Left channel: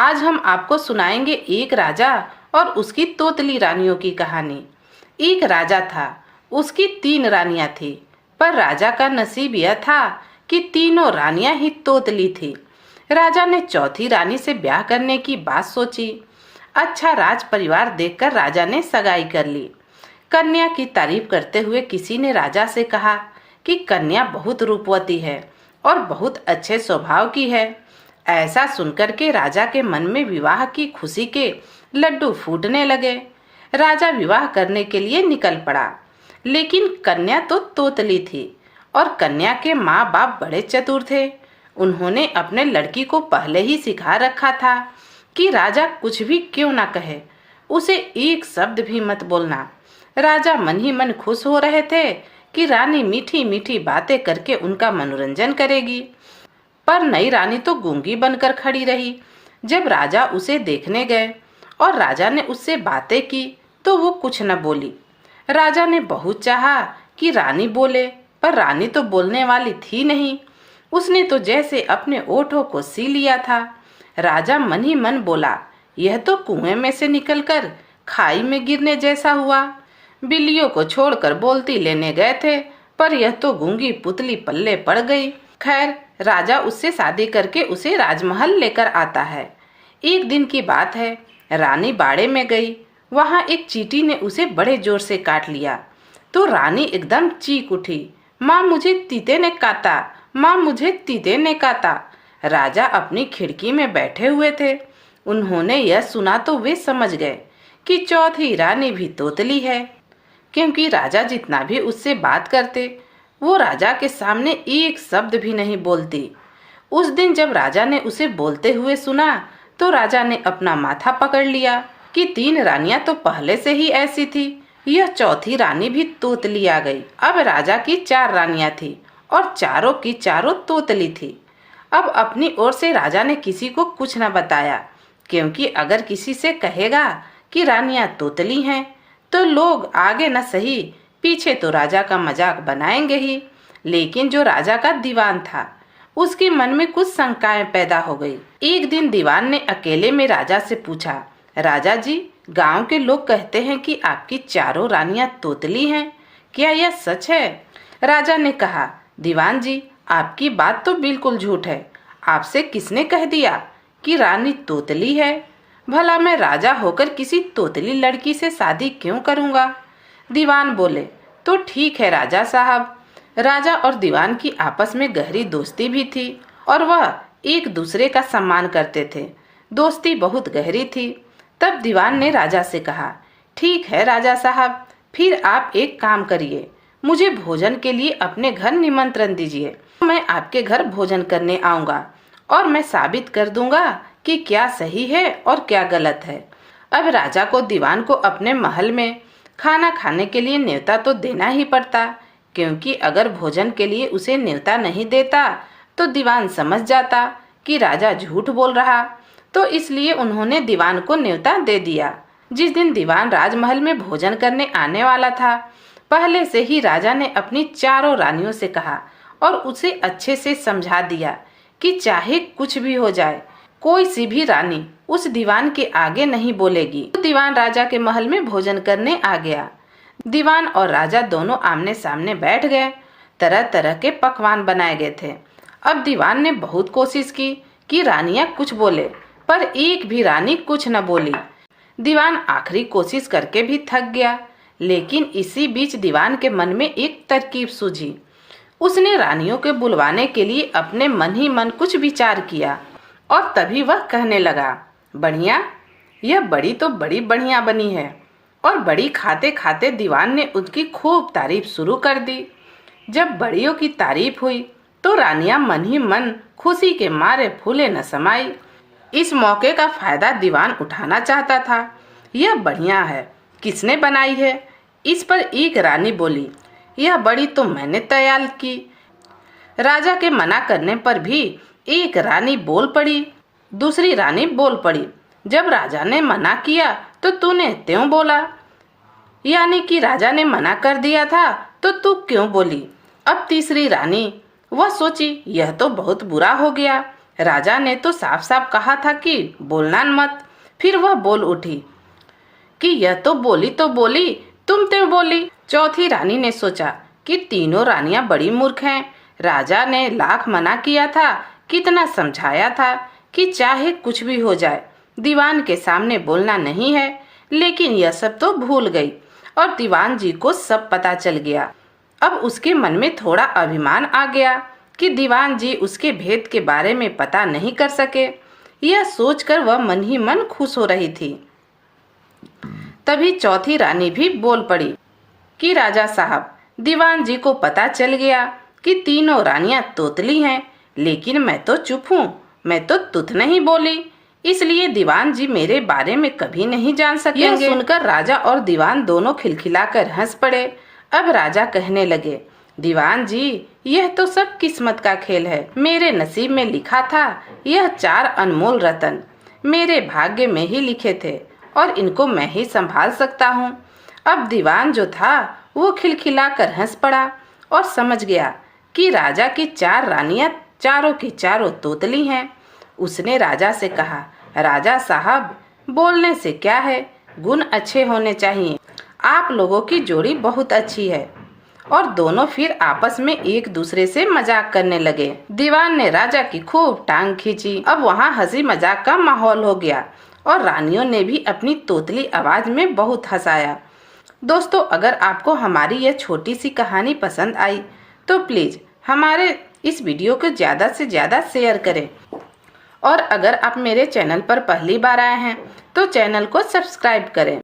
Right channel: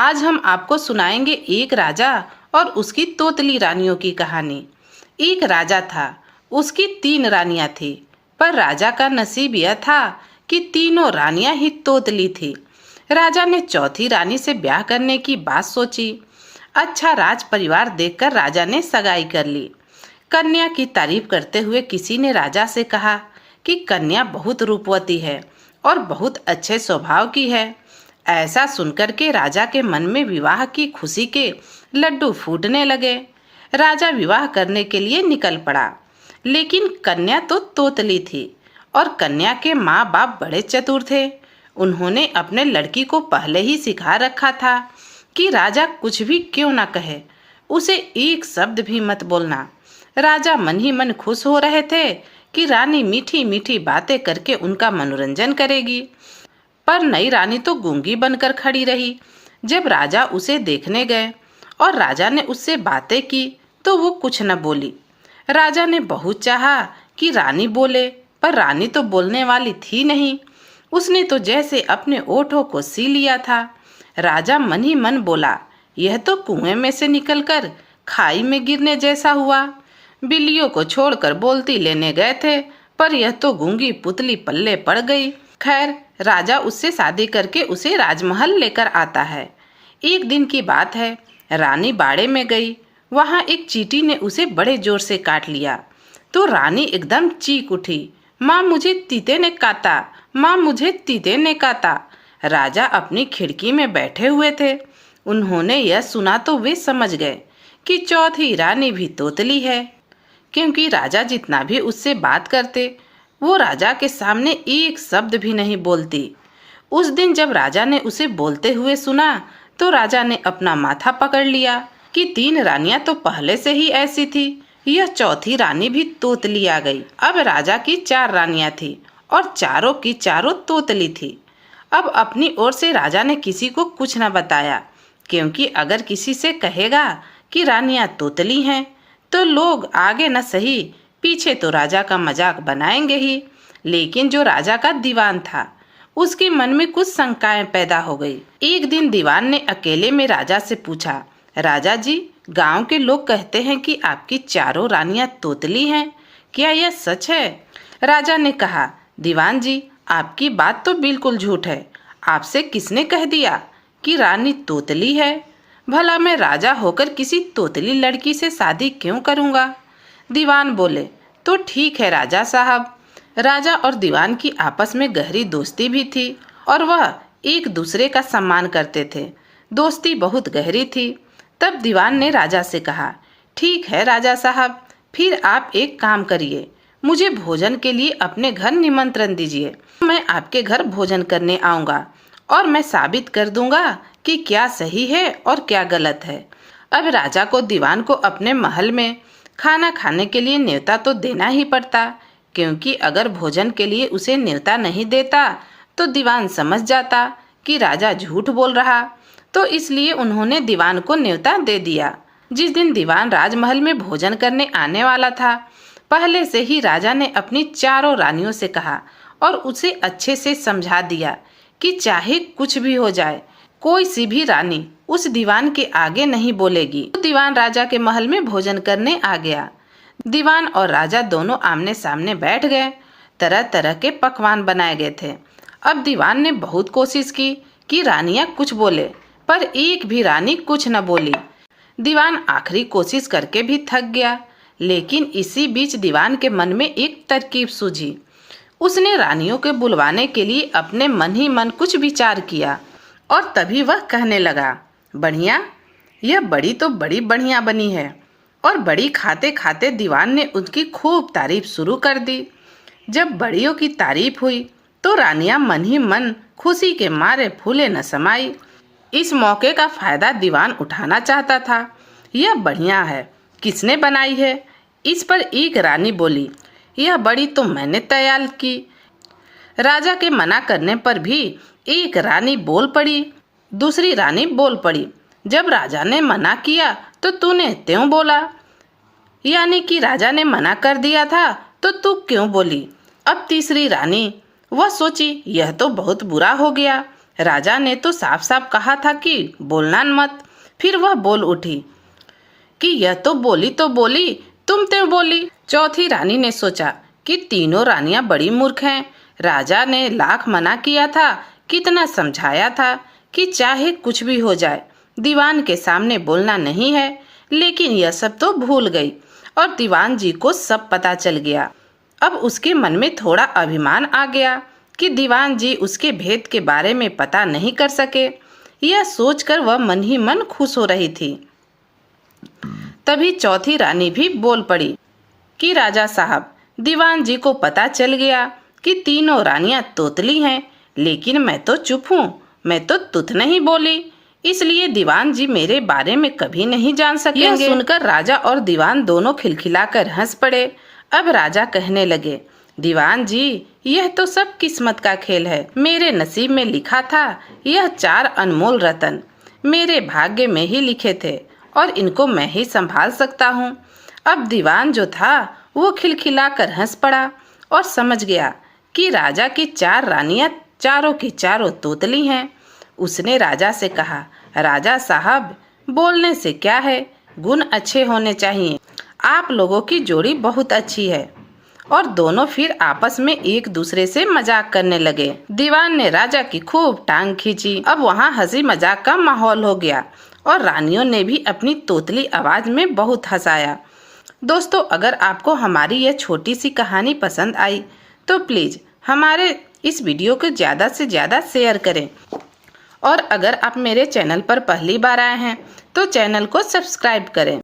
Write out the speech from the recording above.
आज हम आपको सुनाएंगे एक राजा और उसकी तोतली रानियों की कहानी। एक राजा था, उसकी 3 रानियां थी, पर राजा का नसीब यह था कि तीनों रानियां ही तोतली थी। राजा ने चौथी रानी से ब्याह करने की बात सोची। अच्छा राज परिवार देखकर राजा ने सगाई कर ली। कन्या की तारीफ करते हुए किसी ने राजा से कहा कि कन्या बहुत रूपवती है और बहुत अच्छे स्वभाव की है। ऐसा सुनकर के राजा के मन में विवाह की खुशी के लड्डू फूटने लगे। राजा विवाह करने के लिए निकल पड़ा, लेकिन कन्या तो तोतली थी और कन्या के माँ बाप बड़े चतुर थे। उन्होंने अपने लड़की को पहले ही सिखा रखा था कि राजा कुछ भी क्यों ना कहे, उसे एक शब्द भी मत बोलना। राजा मन ही मन खुश हो रहे थे कि रानी मीठी मीठी बातें करके उनका मनोरंजन करेगी, पर नई रानी तो गूंगी बनकर खड़ी रही। जब राजा उसे देखने गए और राजा ने उससे बातें की तो वो कुछ न बोली। राजा ने बहुत चाहा कि रानी बोले, पर रानी तो बोलने वाली थी नहीं। उसने तो जैसे अपने ओठों को सी लिया था। राजा मन ही मन बोला, यह तो कुएं में से निकलकर खाई में गिरने जैसा हुआ। बिल्लियों को छोड़कर बोलती लेने गए थे, पर यह तो गूंगी पुतली पल्ले पड़ गई। खैर, राजा उससे शादी करके उसे राजमहल लेकर आता है। एक दिन की बात है, रानी बाड़े में गई। वहां एक चींटी ने उसे बड़े जोर से काट लिया तो रानी एकदम चीख उठी, माँ मुझे तीते ने काटा, माँ मुझे तीते ने काटा। राजा अपनी खिड़की में बैठे हुए थे। उन्होंने यह सुना तो वे समझ गए कि चौथी रानी भी तोतली है, क्योंकि राजा जितना भी उससे बात करते वो राजा के सामने एक शब्द भी नहीं बोलती। उस दिन जब राजा ने उसे बोलते हुए सुना तो राजा ने अपना माथा पकड़ लिया कि 3 रानियां तो पहले से ही ऐसी थी, यह चौथी रानी भी तोतली आ गई। अब राजा की 4 रानियां थी और चारों की चारों तोतली थी। अब अपनी ओर से राजा ने किसी को कुछ न बताया, क्योंकि अगर किसी से कहेगा कि रानियां तोतली हैं तो लोग आगे न सही पीछे तो राजा का मजाक बनाएंगे ही। लेकिन जो राजा का दीवान था उसके मन में कुछ शंकाएं पैदा हो गई। एक दिन दीवान ने अकेले में राजा से पूछा, राजा जी, गांव के लोग कहते हैं कि आपकी चारों रानियां तोतली हैं, क्या यह सच है? राजा ने कहा, दीवान जी, आपकी बात तो बिल्कुल झूठ है। आपसे किसने कह दिया कि रानी तोतली है? भला मैं राजा होकर किसी तोतली लड़की से शादी क्यों करूंगा? दीवान बोले, तो ठीक है राजा साहब। राजा और दीवान की आपस में गहरी दोस्ती भी थी और वह एक दूसरे का सम्मान करते थे। दोस्ती बहुत गहरी थी। तब दीवान ने राजा से कहा, ठीक है राजा साहब, फिर आप एक काम करिए, मुझे भोजन के लिए अपने घर निमंत्रण दीजिए। मैं आपके घर भोजन करने आऊंगा और मैं साबित कर दूंगा कि क्या सही है और क्या गलत है। अब राजा को दीवान को अपने महल में खाना खाने के लिए न्योता तो देना ही पड़ता, क्योंकि अगर भोजन के लिए उसे न्योता नहीं देता तो दीवान समझ जाता कि राजा झूठ बोल रहा। तो इसलिए उन्होंने दीवान को न्योता दे दिया। जिस दिन दीवान राजमहल में भोजन करने आने वाला था, पहले से ही राजा ने अपनी चारों रानियों से कहा और उसे अच्छे से समझा दिया कि चाहे कुछ भी हो जाए, कोई सी भी रानी उस दीवान के आगे नहीं बोलेगी। तो दीवान राजा के महल में भोजन करने आ गया। दीवान और राजा दोनों आमने सामने बैठ गए। तरह तरह के पकवान बनाए गए थे। अब दीवान ने बहुत कोशिश की कि रानियां कुछ बोले, पर एक भी रानी कुछ न बोली। दीवान आखिरी कोशिश करके भी थक गया, लेकिन इसी बीच दीवान के मन में एक तरकीब सूझी। उसने रानियों के बुलवाने के लिए अपने मन ही मन कुछ विचार किया और तभी वह कहने लगा, बढ़िया, यह बड़ी तो बड़ी बढ़िया बनी है। और बड़ी खाते खाते दीवान ने उसकी खूब तारीफ शुरू कर दी। जब बड़ियों की तारीफ हुई तो रानियां मन ही मन खुशी के मारे फूले न समाई। इस मौके का फायदा दीवान उठाना चाहता था। यह बढ़िया है, किसने बनाई है? इस पर एक रानी बोली, यह बड़ी तो मैंने तैयार की। राजा के मना करने पर भी एक रानी बोल पड़ी। दूसरी रानी बोल पड़ी, जब राजा ने मना किया तो तूने त्यों बोला? यानी कि राजा ने मना कर दिया था तो तू क्यों बोली? अब तीसरी रानी, वह सोची, यह तो बहुत बुरा हो गया। राजा ने तो साफ साफ कहा था कि बोलना मत। फिर वह बोल उठी कि यह तो बोली तुम तो बोली। चौथी रानी ने सोचा कि तीनों रानियां बड़ी मूर्ख हैं। राजा ने लाख मना किया था, कितना समझाया था कि चाहे कुछ भी हो जाए दीवान के सामने बोलना नहीं है, लेकिन यह सब तो भूल गई और दीवान जी को सब पता चल गया। अब उसके मन में थोड़ा अभिमान आ गया कि दीवान जी उसके भेद के बारे में पता नहीं कर सके। यह सोचकर वह मन ही मन खुश हो रही थी। तभी चौथी रानी भी बोल पड़ी कि राजा साहब, दीवान जी को पता चल गया कि तीनों रानियां तोतली हैं, लेकिन मैं तो चुप हूँ, मैं तो तुत नहीं बोली, इसलिए दीवान जी मेरे बारे में कभी नहीं जान सकेंगे। यह सुनकर राजा और दीवान दोनों खिलखिलाकर हंस पड़े। अब राजा कहने लगे, दीवान जी, यह तो सब किस्मत का खेल है। मेरे नसीब में लिखा था यह 4 अनमोल रतन मेरे भाग्य में ही लिखे थे और इनको मैं ही संभाल सकता हूँ। अब दीवान जो था वो खिलखिलाकर हंस पड़ा और समझ गया कि राजा की 4 रानियां चारों की चारों तोतली हैं। उसने राजा से कहा, राजा साहब, बोलने से क्या है, गुण अच्छे होने चाहिए। आप लोगों की जोड़ी बहुत अच्छी है। और दोनों फिर आपस में एक दूसरे से मजाक करने लगे। दीवान ने राजा की खूब टांग खींची। अब वहाँ हंसी मजाक का माहौल हो गया और रानियों ने भी अपनी तोतली आवाज में बहुत हंसाया। दोस्तों, अगर आपको हमारी यह छोटी सी कहानी पसंद आई तो प्लीज हमारे इस वीडियो को ज्यादा से ज्यादा शेयर करें। और अगर आप मेरे चैनल पर पहली बार आए हैं तो चैनल को सब्सक्राइब करें।